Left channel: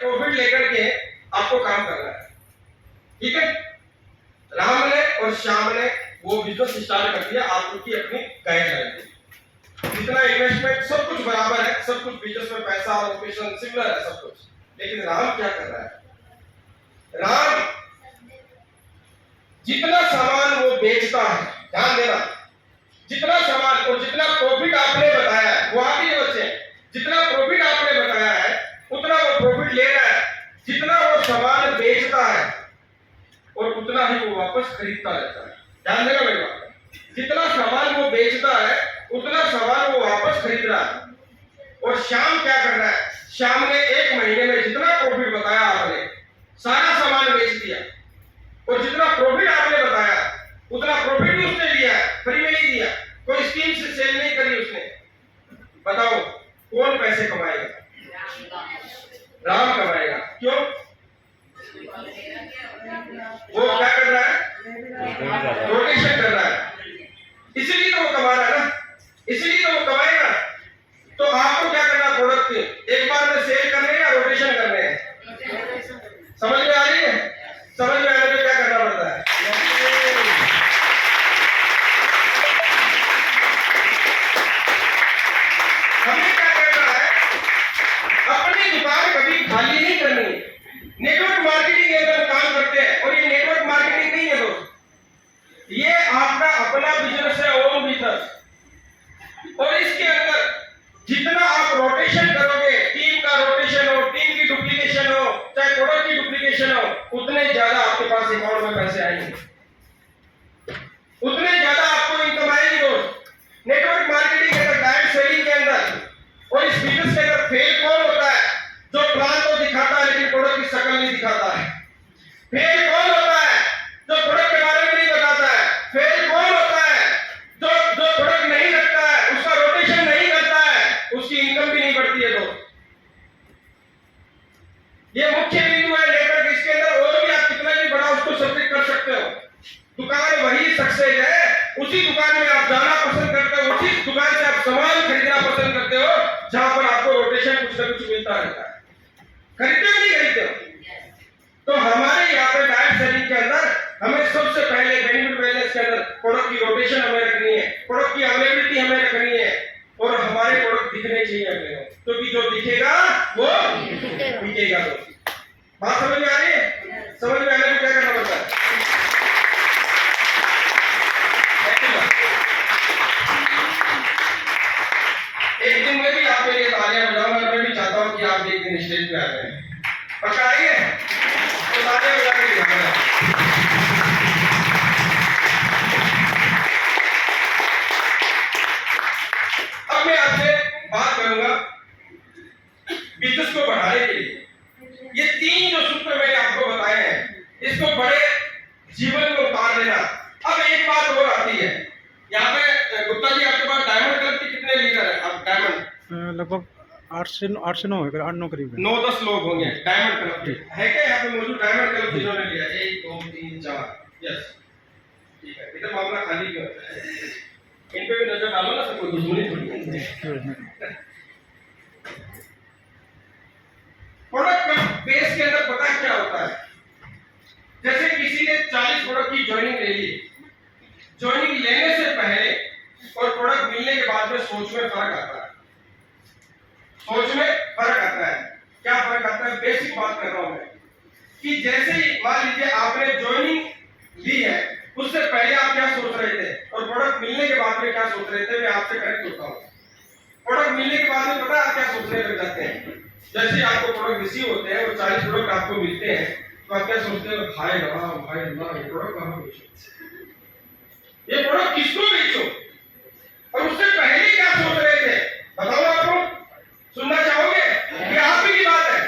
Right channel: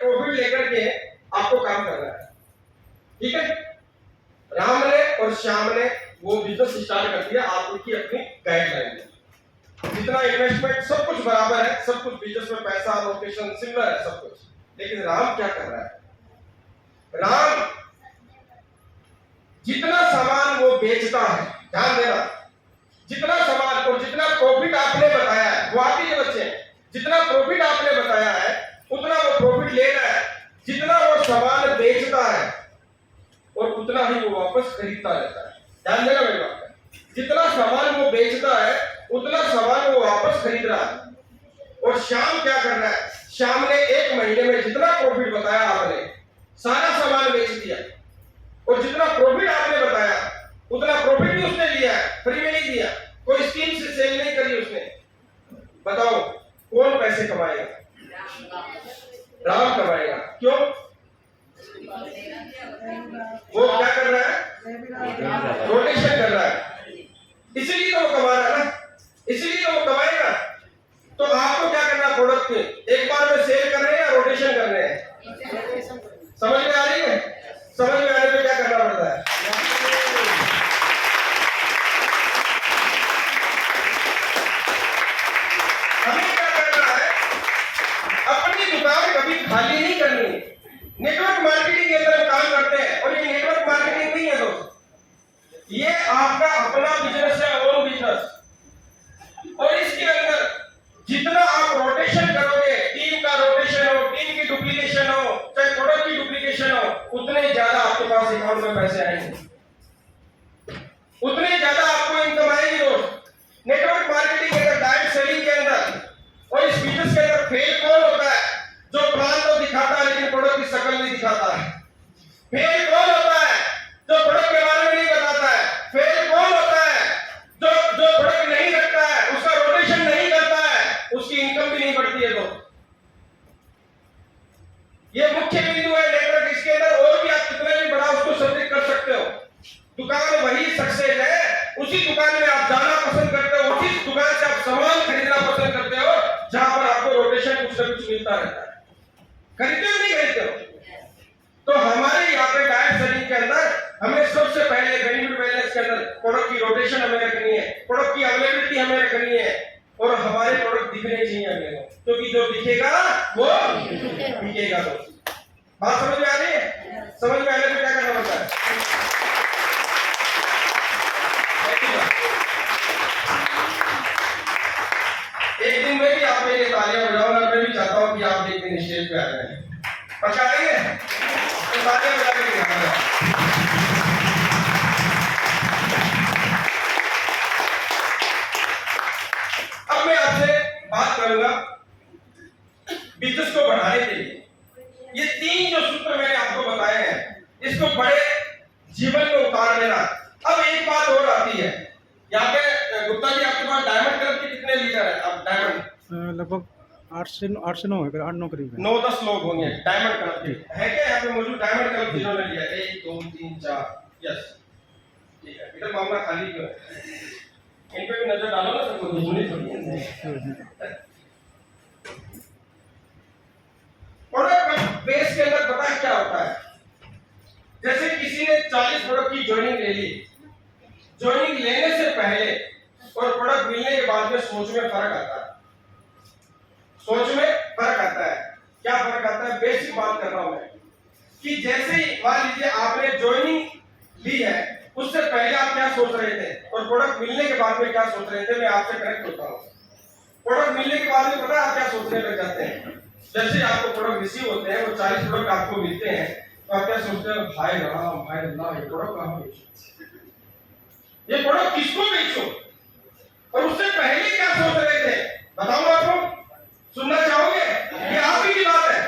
Profit लेकर के आपको काम करना है, ठीक है। राम ने और श्याम ने वो बिजनेस स्टार्ट कर दिया, आपकी अपनी गाइडलाइन है, जितना इन्वेस्टमेंट सब कुछ बराबर है, सब कुछ बिजनेस में पैसा लोकेशन सिमिलर है सब कुछ। लेकिन राम क्या कर रहा है, राम जितना सामान वो बेचता है, ध्यान देना, जितना सामान और जितना प्रॉफिट आपने बताया है वो आप ही के बच्चे हैं, जितना प्रॉफिट आपने बताया है उतना वो प्रॉफिट ले रहा है, जितना वो सामान बेचता है और उतना ही वो वापस खरीदता रहता है। ध्यान देना मेरी बात, जितना सामान वो बेचता है उतना सामान वो वापस खरीद रहा है। और श्याम क्या कर रहा है, श्याम ने एक महीने में जितना प्रॉफिट बताया आपने सारा सामान बेच दिया, और जितना प्रॉफिट आपने बताया उतना प्रॉफिट भी उसने लिया है, फ्री में नहीं दिया, कोई स्कीम से सेल नहीं करी उसने। बताओ कौन पैसे कमाएगा? राम कमाएगा। क्यों? वो क्या कर रहा है, रोटेशन कर रहा है, इसीलिए तो वो कमा रहा है ना, इसीलिए तो वो कमाएगा। तो आपको क्या करना, प्रोडक्ट के एक बार में सेल करने हैं या रोटेशन करने हैं? समझ में आ रही है? समझ में आने में क्या करना पड़ता है? हमें क्या करना है, अपनी दुकान कभी खाली नहीं करनी। नेटवर्क मार्केटिंग के अंदर काम करते हैं, और ये नेटवर्क मार्केटिंग नहीं है दोस्त, ये आपका अपना बिजनेस है, ओन बिजनेस। और इसके अंदर जितना आप रोटेशन करोगे, टीम का रोटेशन हो, टीम की डुप्लीकेशन हो, चाहे प्रोडक्ट की डुप्लीकेशन हो, उतने ज्यादा आपके पास अकाउंट में पैसे आएंगे, उतने ज्यादा आपको इनकम आएगी दोस्त। नेटवर्क मार्केटिंग के अंदर, डायरेक्ट सेलिंग के अंदर और इस बिजनेस के अंदर फेल कौन होता है? जो प्लान तो दिखाता है लेकिन प्रोडक्ट की शक्ल नहीं दिखाता है। फेल कौन होता है? जो प्रोडक्ट के बारे में नहीं बताता है। फेल कौन होता है? जो प्रोडक्ट नहीं रखता है, उसका रोटेशन नहीं करता है, उसकी इनकम भी नहीं बढ़ती है। तो ये मुख्य बिंदु है नेटवर्क। इसके अंदर और भी आप कितना भी बड़ा उसको सब्जेक्ट कर सकते हो। दुकान वही सक्सेस है, उसी दुकान में आप जाना पसंद करते हो, उसी दुकान से आप सामान खरीदना पसंद करते हो जहां पर आपको रोटेशन कुछ ना कुछ मिलता रहता है। खरीदते हो नहीं खरीदते हो? तो हमारे यहाँ पे डायरेक्ट सेलिंग के अंदर हमें सबसे पहले बेनिफिट बैलेंस के अंदर प्रोडक्ट की रोटेशन हमें रखनी है, प्रोडक्ट की अवेलेबिलिटी हमें रखनी है, और हमारे प्रोडक्ट दिखने चाहिए हमें, क्योंकि जो दिखेगा वो बिकेगा। तो बात समझ में आ रही है? समझ में आने में क्या करना पड़ता है? एक दिन में भी आप मेरे लिए तालियां बजाओ, और मैं भी चाहता हूं कि आप एक दिन स्टेज पे आ जाएं। पक्का आएंगे? तो तालियां बजा के दिखाना। अब मैं आपसे बात करूंगा बिजनेस को बढ़ाने के लिए। ये तीन जो सूत्र मैंने आपको बताए हैं, इसको बड़े जीवन में उतार लेना। अब एक बात और आती है, यहाँ पे गुप्ता जी आपके पास डायमंड क्लब के कितने लीडर हैं? आप डायमंड लगभग 8 से 9 है, 8-9 करीब है। 9-10 लोग होंगे डायमंड क्लब के। है क्या यहाँ पे मौजूद डायमंड क्लब जिन्होंने लिया? 1 2 3 4, यस, ठीक है। इधर मामला खाली क्यों है? इन पे भी नजर डालो ना, सबको दुश्मनी थोड़ी है। प्रोडक्ट बेस के अंदर पता है क्या होता है? जैसे किसी ने 40 प्रोडक्ट की ज्वाइनिंग ले ली, ज्वाइनिंग लेने से पहले और प्रोडक्ट मिलने के बाद में सोच में फर्क आता है। सोच में फर्क आता है। क्या फर्क आता है? बेसिक बात कर रहा हूं मैं, कि जैसे ही मान लीजिए आपने ज्वाइनिंग ली है, उससे पहले आप क्या सोच रहे थे और प्रोडक्ट मिलने के बाद में क्या सोच रहे थे, मैं आपसे करेक्ट होता हूं। प्रोडक्ट मिलने के बाद में पता है आप क्या सोचने लग जाते हैं? जैसे आपको प्रोडक्ट रिसीव होते हैं, वो 40 प्रोडक्ट आपको मिलते हैं, तो आप क्या सोचते हो? हाय राम, हाय अल्लाह, ये प्रोडक्ट कहां बेचूं, ये प्रोडक्ट किसको बेचूं? और उससे पहले क्या सोच रहे थे? बताओ आपको, सुनना चाहोगे? ये आप ही की बात है।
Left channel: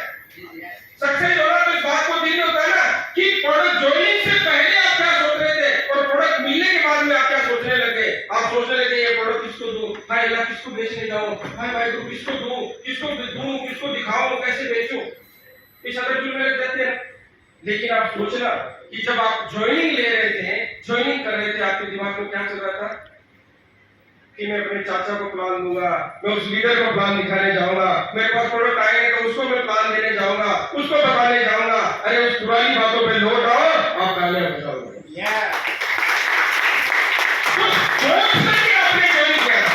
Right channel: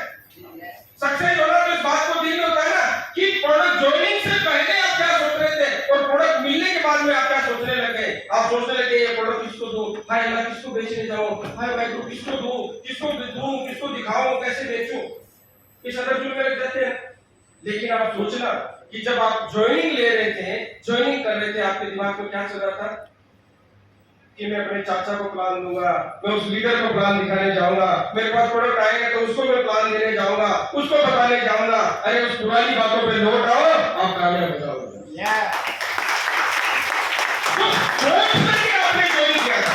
सक्सेस होना तो इस बात को दिन होता है ना, कि प्रोडक्ट ज्वाइनिंग से पहले आप क्या सोच रहे थे और प्रोडक्ट मिलने के बाद में आप क्या सोचने लगे। आप सोचने लगे ये प्रोडक्ट किसको दूं, हाय अल्लाह किसको बेचने जाऊं, हाय भाई तू किसको दूं, किसको दिखाऊं, कैसे बेचूं, इस अटैचमेंट में लग जाते हैं। लेकिन आप सोचना कि जब आप ज्वाइनिंग ले रहे थे, ज्वाइनिंग कर रहे थे, आपके दिमाग में क्या चल रहा था? कि मैं अपने चाचा को प्लान दूंगा, मैं उस लीडर को प्लान दिखाने जाऊंगा, मेरे पास प्रोडक्ट आएंगे तो उसको मैं प्लान देने जाऊंगा, उसको बताने जाऊंगा। अरे उस पुरानी बातों पे लौट आओ, आप कामयाब हो जाओगे। तो सोच करके आपने ज्वाइन किया था,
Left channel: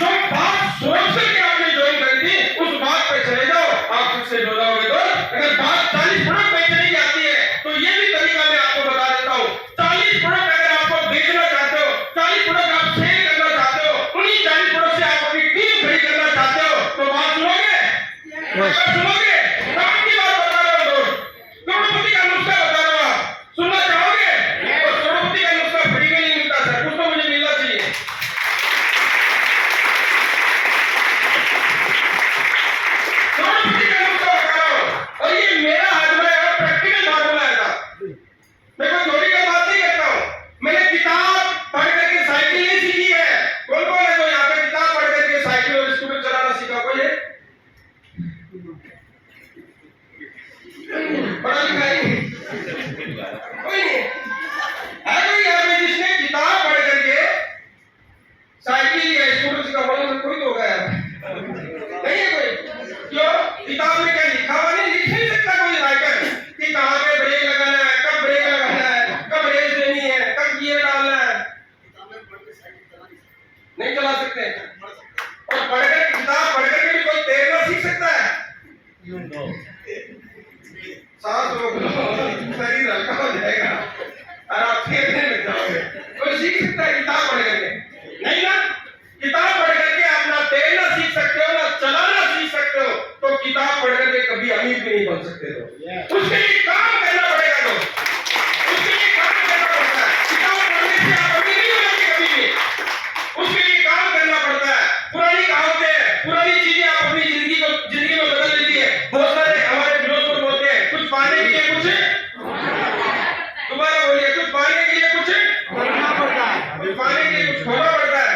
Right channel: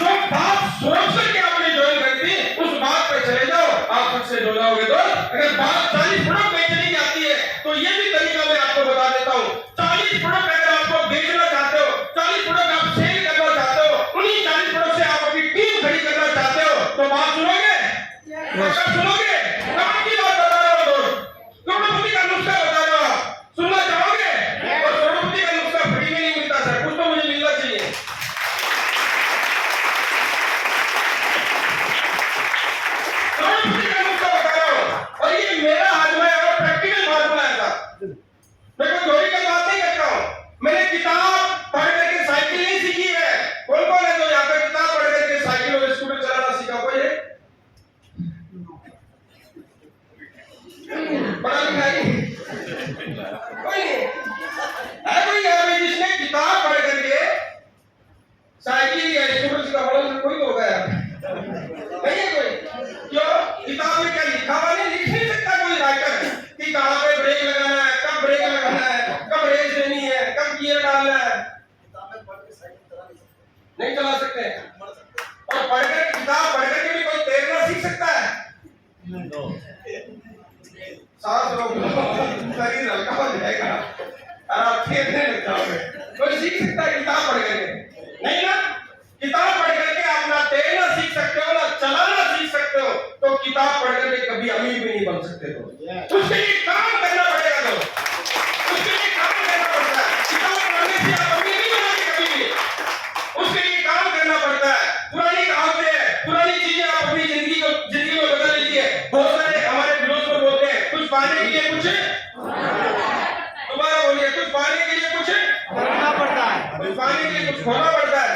जो बात सोच करके आपने ज्वाइन कर दी, उस बात पे चले जाओ, आप सबसे हो जाओगे। तो अगर बात 40 प्रोडक्ट बेचने की आती है तो ये भी तरीका मैं आपको बता देता हूँ। 40 प्रोडक्ट अगर आपको बेचना चाहते हो, 40 प्रोडक्ट आप सेल करना चाहते हो, उन्हीं 40 प्रोडक्ट से आप अपनी टीम खड़ी करना चाहते हो, तो बात सुनोगे? सुनोगे? कब की बात बता रहा हूँ दोस्त, करोड़पति का नुस्खा बता रहा हूँ, सुनना चाहोगे? और करोड़पति का नुस्खा फ्री में नहीं मिलता सर, कुछ तो मुझे मिलना चाहिए। करोड़पति का नुस्खा बता रहा हूँ, और ये मेरा आजमा है और प्रैक्टिकल फार्मूला है साहब। मैं कोई थ्योरी का बात नहीं करता हूँ, मैंने किताब पढ़ करके साइकिल नहीं सीखी है। कौन कौन है जो यहाँ पे किताब पढ़ करके साइकिल और स्कूटर चलाना सीखा? कोई है? पढ़ा लिखा नहीं? कोई नहीं है? कोई यहाँ पे जिसने किताब पढ़ करके साइकिल या स्कूटर सीखा? बोलो कोई तो होगा यार, नहीं है कोई? क्यों? किताब में क्या लिखा हुआ नहीं? लिख नहीं सकता कोई राइटर कि कहाँ पे ब्रेक लगाना है, कब ब्रेक लगाना है, कब रेस देनी है, कब गियर डालना है। नहीं चला सकते। और पढ़कर किताब पढ़कर के भी कोई तैरना सीख सकता है? सांस रोक लो, शरीर हल्का हो जाएगा और आप तैरने लग जाओगे। कोई सीख सकता है किताब पढ़ करके? नहीं ना। किताब पढ़ करके आप ना तैरना सीख सकते हो, ना चलाना सीख सकते हो, तो किताब पढ़ करके कभी अमीर भी नहीं बन सकते। तो उसके लिए काम करना पड़ेगा। तो उसके लिए काम करना पड़ता है। किताब पढ़ने से आप अमीर नहीं होंगे कभी भी, उसके लिए काम करना पड़ता है। पुरानी कहावतें हैं, पुरानी चीजें आप अपनी जिंदगी में बदल लीजिए। बहुत सारे हमारे फिलोसोफर बोलते हैं कुछ पाने के लिए कुछ, दोबारा बोलिए, कुछ पाने के लिए कुछ करना पड़ता है, कुछ पाने के लिए कुछ खोना पड़ता है।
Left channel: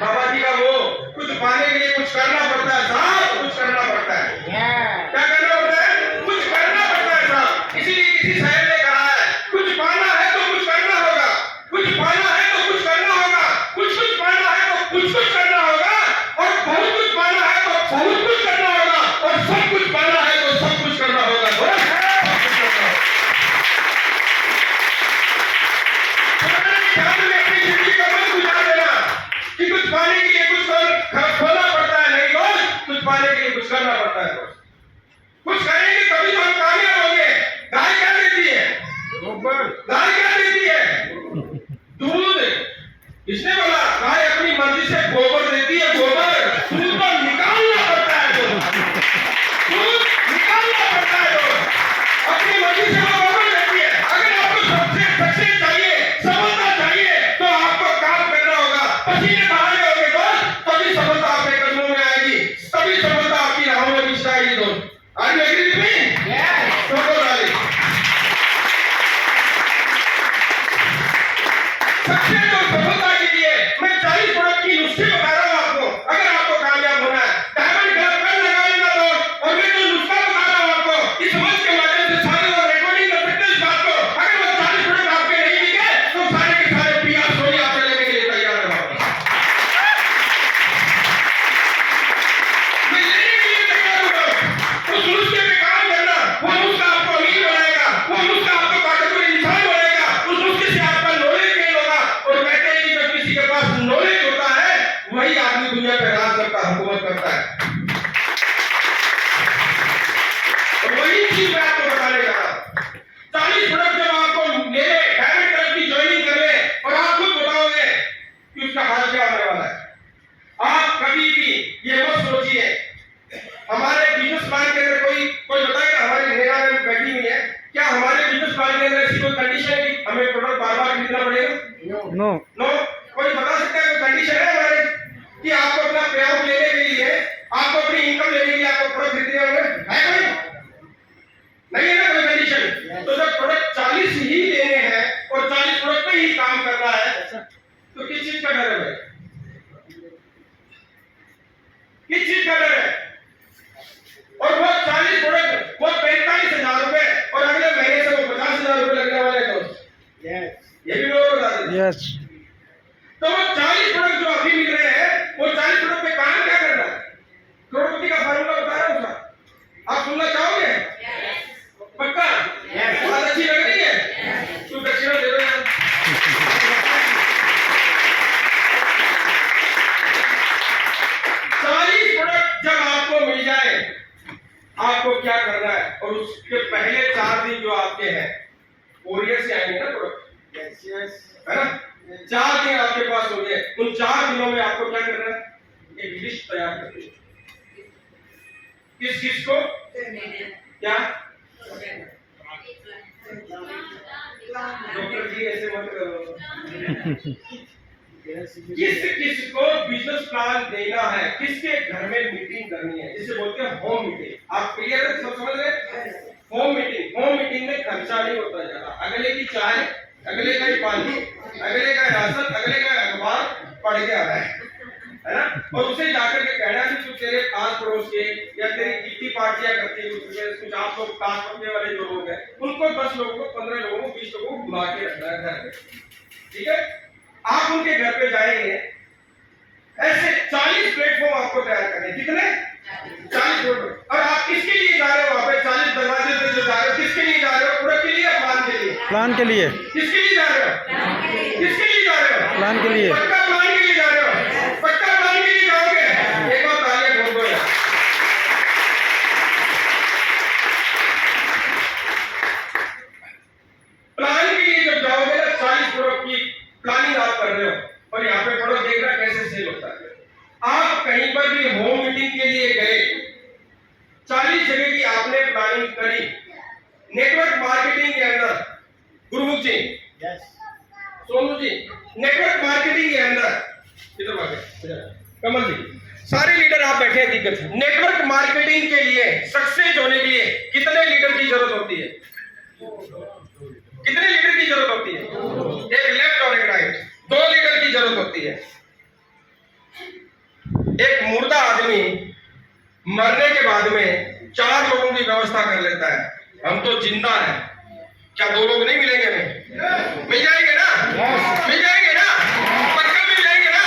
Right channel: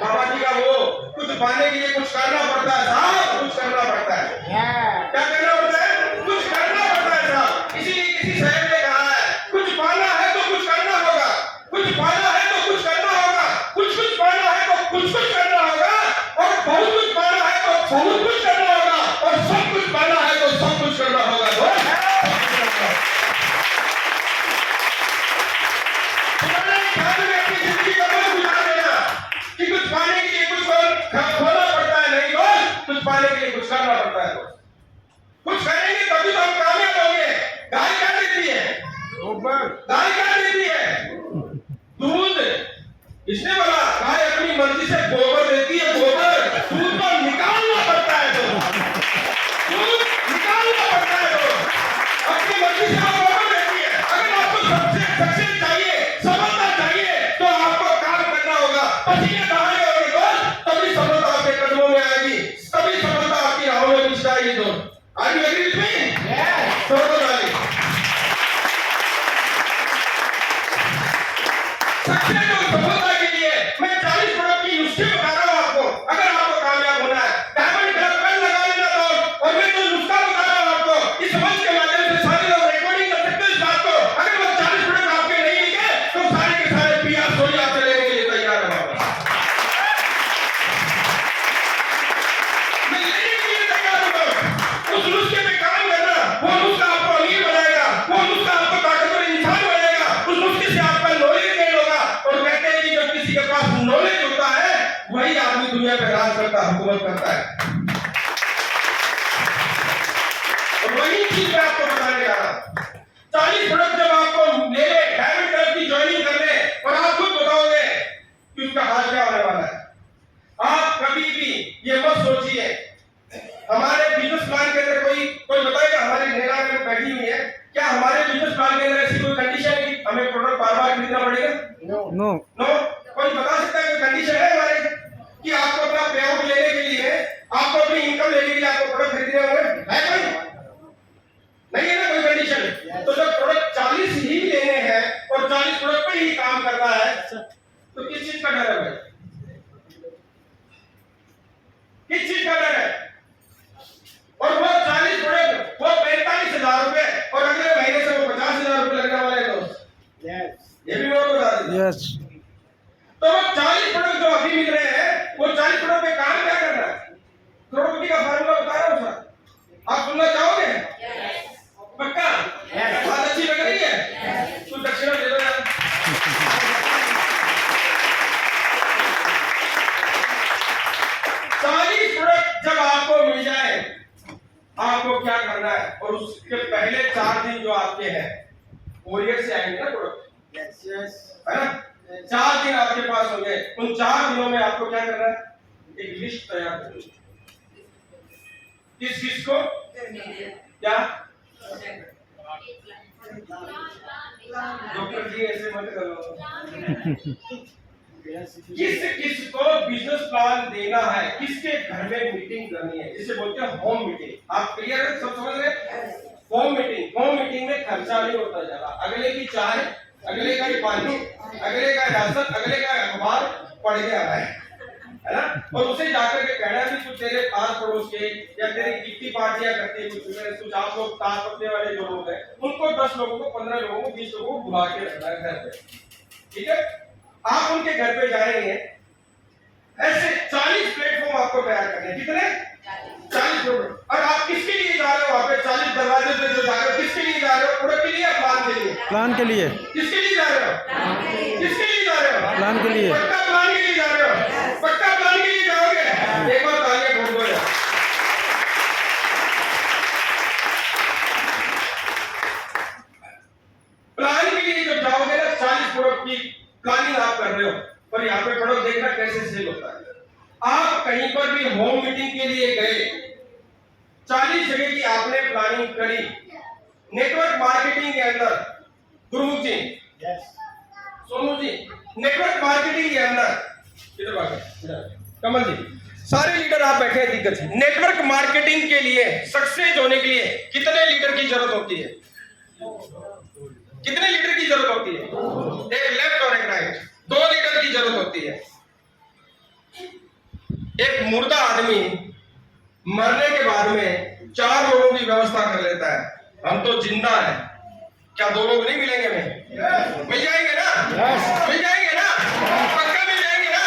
बाबा जी का वो कुछ पाने के लिए कुछ करना पड़ता है साहब, कुछ करना पड़ता है। क्या करना पड़ता है? कुछ करना पड़ता है साहब। इसीलिए किसी शायर ने कहा है कुछ पाना है तो कुछ करना होगा, कुछ पाना है तो कुछ करना होगा, कुछ पाना है तो कुछ करना होगा, और बहुत कुछ पाना है तो बहुत कुछ करना होगा, और सब कुछ पाना है तो सब कुछ करना होगा। अपनी जिंदगी का मत गुजार देना कि कुछ पाने के लिए कुछ खोना पड़ता है। नहीं दोस्त, कुछ पाने के लिए कुछ करना पड़ता है। दोस्त कुछ करेंगे तभी तो हम कामयाब होंगे। गाय क्या देती है? गाय क्या देती है? दूध। किसने बोला? गाय अपनी मर्जी से गोबर देती है। गोबर दूध को निकालना पड़ता है। दूध निकालना पड़ता है। अपनी मर्जी से वो गोबर देती है। अगर आपको सक्सेस चाहिए, सफलता चाहिए, तो आपको काम करना होगा, पसीने बहाने होंगे दोस्त, तभी सफलता आपके कदमों में आएगी, तभी सफलता आपकी राहों में मिल जाएगी। दोस्त Are you agree with me? Yes. सबसे जो सफलता के लिए मैं 40 प्रोडक्ट की नुस्खे बता रहा हूँ आपको। अगर आपको कामयाब होना है, डायमंड क्लब पर लगा लेना दोस्त। और मैं जो नुस्खा बता रहा हूँ आपको, इस मंच के माध्यम से सारे लोग रिकॉर्डिंग कर सकते हैं इस बात को। अगर वो 40 प्रोडक्ट आपके नहीं दिखे तो सारे के सारे PR सोनी आपसे लेने के लिए तैयार है। मैं लेने के लिए तैयार हूँ। उस नुस्खे पे काम करना, वो नुस्खा आपको अमीर बनाएगा, वो नुस्खा आपको ताकतवर इंसान बनाएगा, उस नुस्खे से आपका नॉलेज गेन होगा। और कहते हैं कि जब किसी के पास नॉलेज होता है वही आदमी दुनिया पे राज करता है, हुकूमत करता है। और वही चीज मैं आपको बताने जा रहा हूं। 40 प्रोडक्ट जब आपको ले ले, डायमंड क्लब की ज्वाइनिंग कर ले, और आप खुद बताओगे कि उसका हाल क्या होने वाला है। आप कभी भी ये मत सोचिए हमारे बिजनेस प्लान के अंदर कोई बताएगा, हमारी नेहा में बैठी हुई है, क्या हमारे बिजनेस प्लान के अंदर ऐसी कोई कंडीशन है कि हमें प्रोडक्ट बार-बार खरीदना पड़ेगा? नो। कोई बता सकता है कोई कंडीशन है हमारे कि आपको अपना पे आउट लेने के लिए, आपको अपनी इनकम लेने के लिए आपको प्रोडक्ट खरीदने होंगे? है कोई? नहीं है ना कोई कंडीशन। तो जब प्रोडक्ट 40 ही लेने हैं और 40 प्रोडक्ट पे ही काम करना है, तो किस चीज का डर है भाई? किस चीज का डर है? और वो 40 प्रोडक्ट वो 45,000 रुपए, और अगले महीने से वो 50,000 रुपए लगने वाले दोस्त। ये भी लोग बता देते। यस। तो वो 40 प्रोडक्ट जो अभी मिल रहे करना है और उसके पहले 4 दिन जो आपके हैं कोरियर से आएंगे ना प्रोडक्ट, है ना, 4 दिन आपके पास होंगे। उन 4 दिनों में आपको क्या करना है, एक लिस्ट तैयार करनी है। किस किस को क्या, डॉक्टर जी ऐसे मत करो, किस किस को बिजनेस प्लान देना है, किसके घर में मीटिंग करनी है, जिसे बोलते हैं होम मीटिंग। आप क्लियर है, सब समझ रहे हैं? होम मीटिंग में खर्चा नहीं होता ज्यादा। अगले की चाय, अगले का ही पानी, अगले का राशन, अगले का अखबार पढ़ के आ रहा है ना, और उसे जाकर के कहना कि कुछ तेरे पास पड़ोस के या तेरी कितनी पार्टियां करती है, कुछ आप लोग ताश पकड़ने वाले जो लोग हैं उनको 10 लोगों को, 15 लोगों को, 20 लोगों को बुला के रखना है घर पे, ठीक है। आप उनके घर पे जाएंगे, ऐसे 40 प्लेटफॉर्म आपको तैयार करने हैं। कितने? 40 प्लेटफॉर्म। और आप किसके लिए जा रहे हो वहां पे? 40 दरवाजे पे जो जा रहे हो, किसके लिए जा रहे हो? प्रोडक्ट के लिए या प्लान के लिए? प्लान के लिए। किसके लिए जा रहे हो? किसके लिए जा रहे हो? प्लान के लिए। पक्का प्लान के लिए जा रहे हो? पक्का प्लान के लिए जाओगे? एक बार तालियां ठोक दो यार। प्लान के लिए जब जाओगे ना, 40 प्रोडक्ट की प्लानिंग आप कर रहे हो और यहाँ पे प्रोडक्ट देखना कैसे सेल होता है। आप कहीं पर भी होम मीटिंग के लिए गए, 40 जगह की आपने प्लानिंग करी, नेटवर्क मार्केटिंग के अंदर गुरुमुख जी, सोनू जी, नेटवर्क मार्केटिंग के अंदर किधर बात है, कमल जी, सारे लीडर आप बैठे हैं दिग्गज। नेटवर्क मार्केटिंग के लिए सक्सेस होने के लिए कितने लीडर की जरूरत होती है? कितने लीडर की जरूरत होती है? एक लेफ्ट और एक राइट, 2 लीडर की जरूरत होती है। एक मुर्दा आदमी मरने के बाद में 4 लोगों की व्यवस्था कर लेता है। हम तो जिंदा हैं, क्या 2 लोग नहीं मिलेंगे हमें? मिल जाएंगे ना? मिल जाएंगे ना? पक्का मिल जाएंगे ना?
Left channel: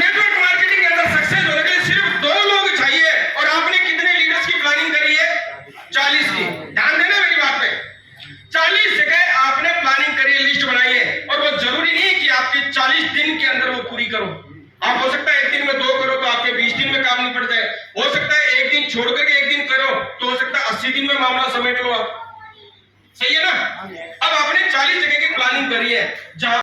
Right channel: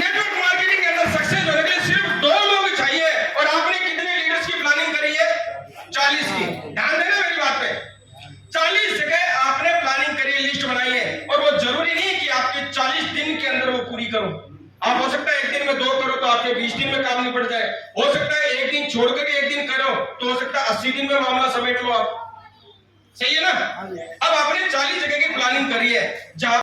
नेटवर्क मार्केटिंग के अंदर सक्सेस होने के लिए सिर्फ 2 लोग चाहिए। और आपने कितने लीडर्स की प्लानिंग करी है? 40 की। ध्यान देना मेरी बात पे, 40 जगह आपने प्लानिंग करी, लिस्ट बनाई है। और वो जरूरी नहीं है कि आपके 40 दिन के अंदर वो पूरी करो। आप हो सकता है 1 दिन में 2 करो तो आपके 20 दिन में काम नहीं पड़ जाए। हो सकता है 1 दिन छोड़ करके 1 दिन करो तो हो सकता है 80 दिन में मामला समेट लो आप। सही है ना? अब आपने 40 जगह की प्लानिंग करी है, जहां